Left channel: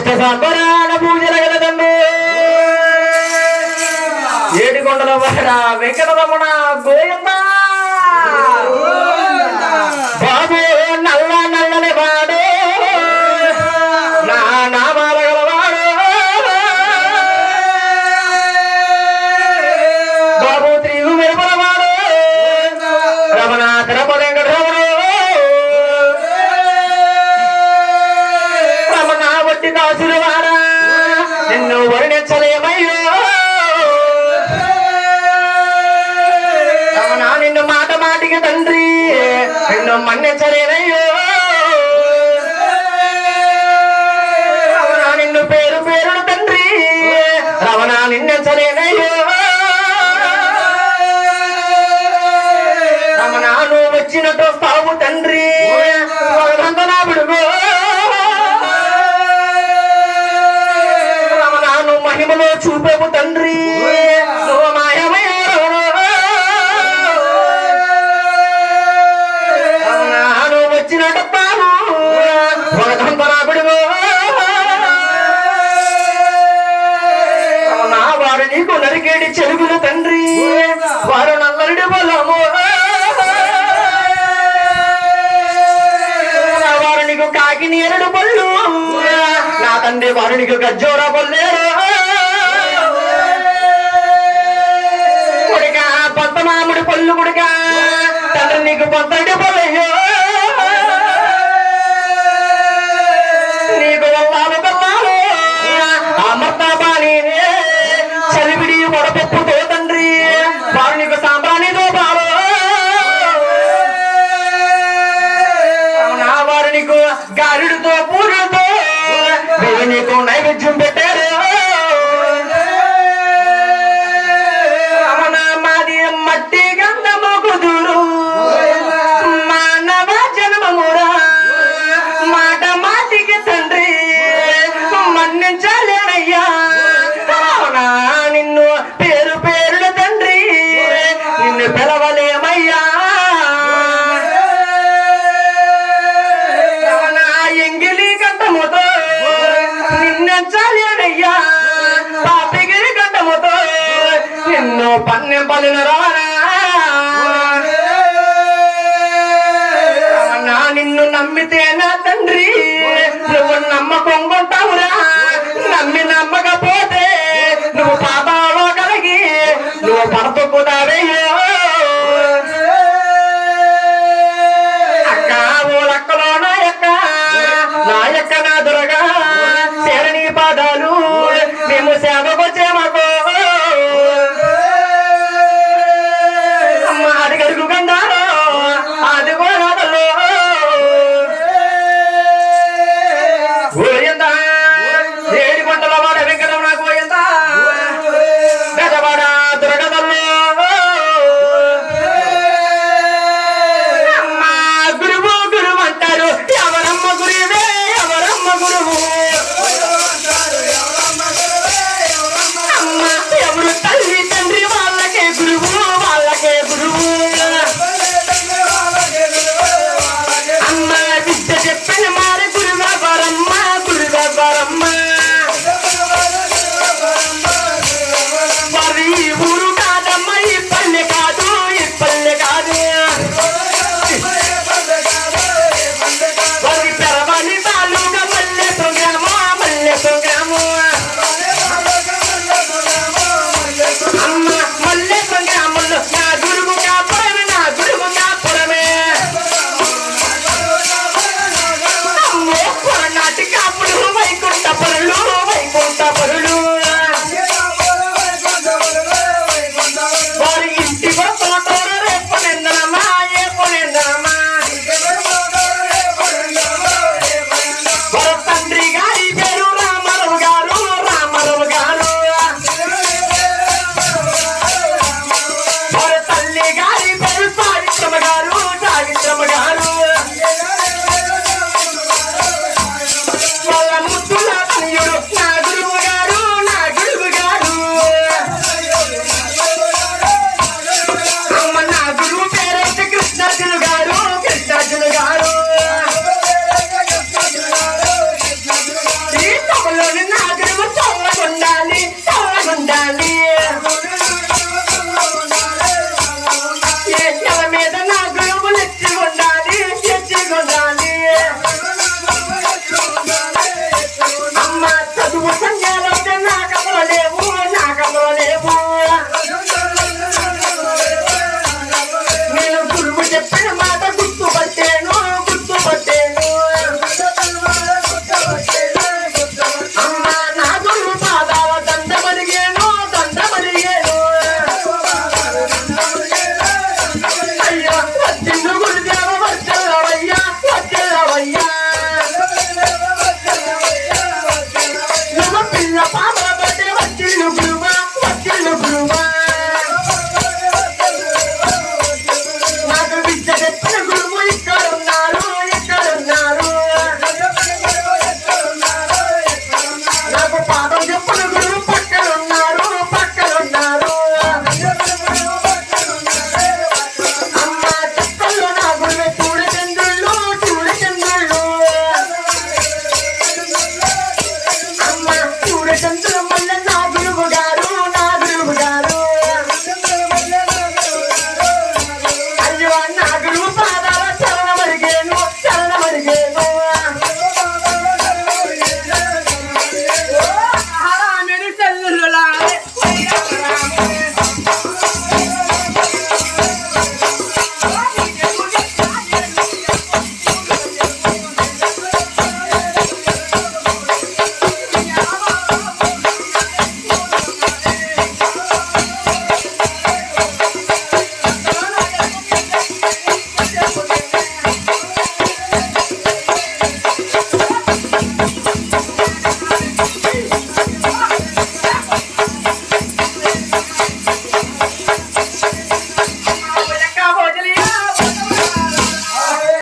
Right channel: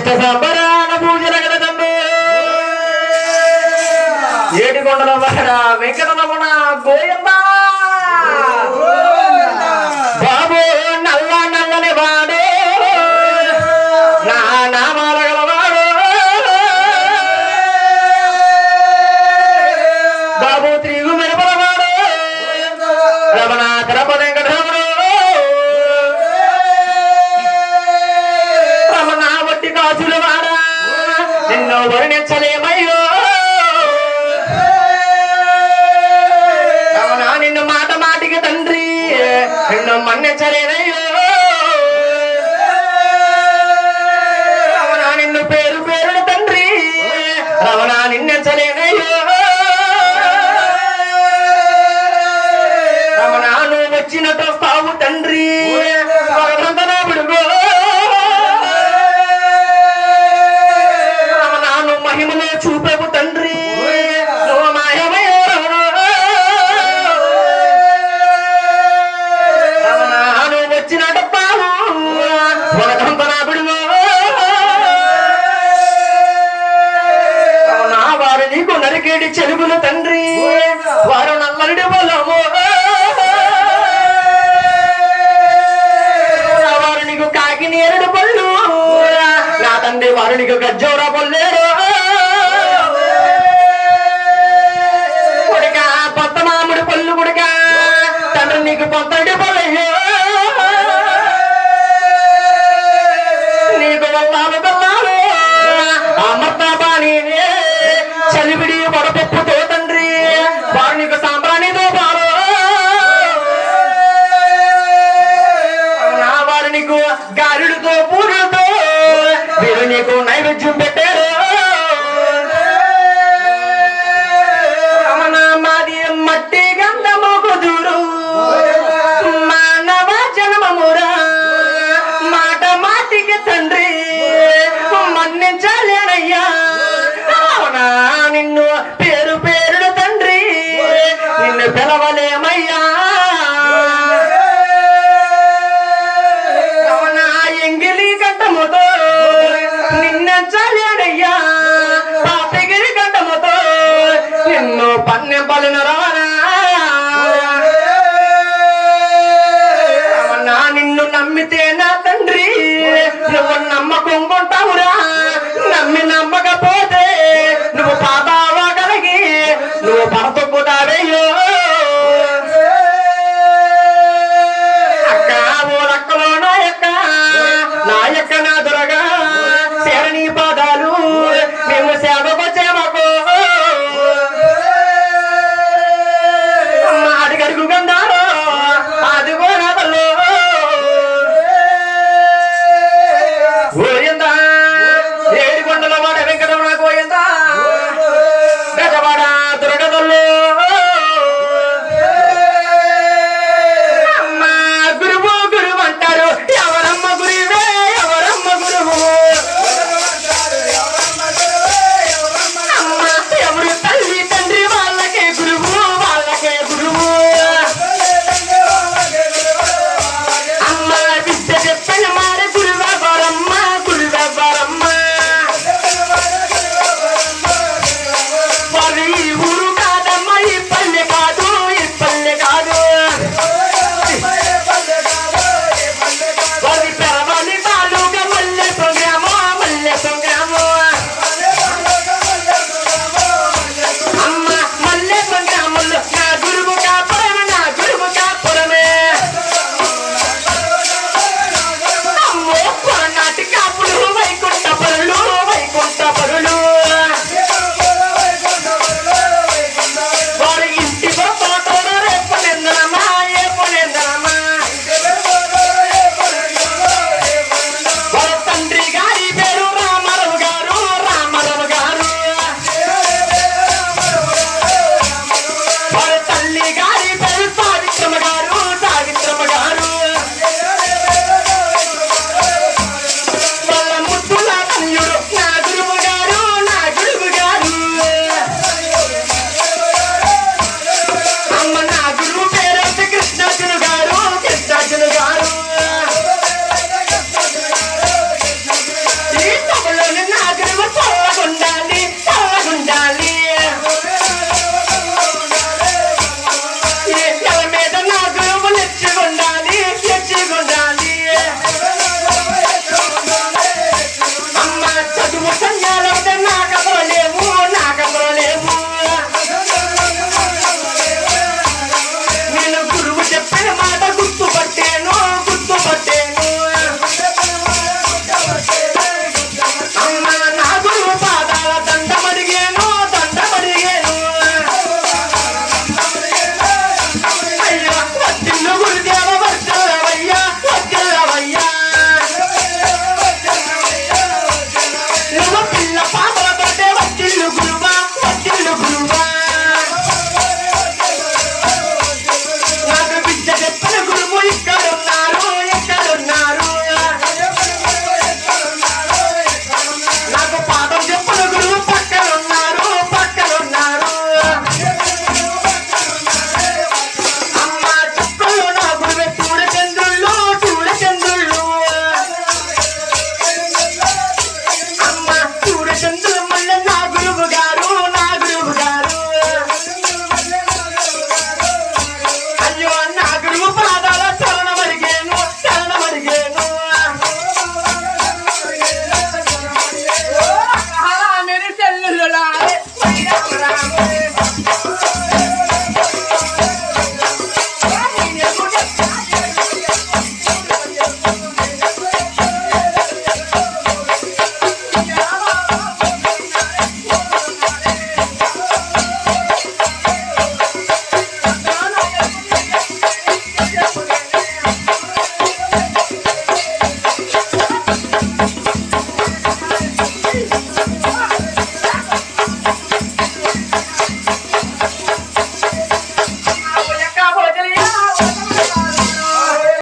ఇష్ట సంబరాల పూజల గలదండు ఏడికొండల వాడ వెంకటరమణ గోయమ్మ. బాబు నల్ల నల్లని వాడు. నా నామాల గలవాడు బాబు త్రిగు మెరుపలవాడు రమణ తిరుపతి నిన్ను మన్నించలేనయ్యో. రమణ నిన్ను పేరు పేరుడు తండ్రి. రమణ నిన్నెంచలేనయ్యో. రమణ నువ్వు వచ్చినట్టు వస్తావు తండ్రి. భగవంత నా విడుగో. రమణ నువ్వు మహిమలో చూపేవు తండ్రి. రమణ వారు నీకు నరికేడి చెలుగులు తండ్రి. వారు నల్లడి పొలము వారు నీకు కాకిని ఎరడు పళ్ళు. నా తండ్రి వారు నీకు గజ్జోర పొల్లేరు కొడుక పొత్త మామిడి పళ్ళు కొడుక. తండ్రి నీకు పొత్తడి పొలయ్యో పలిన రమణ. నిన్ను నమ్మితే Bernardo. around.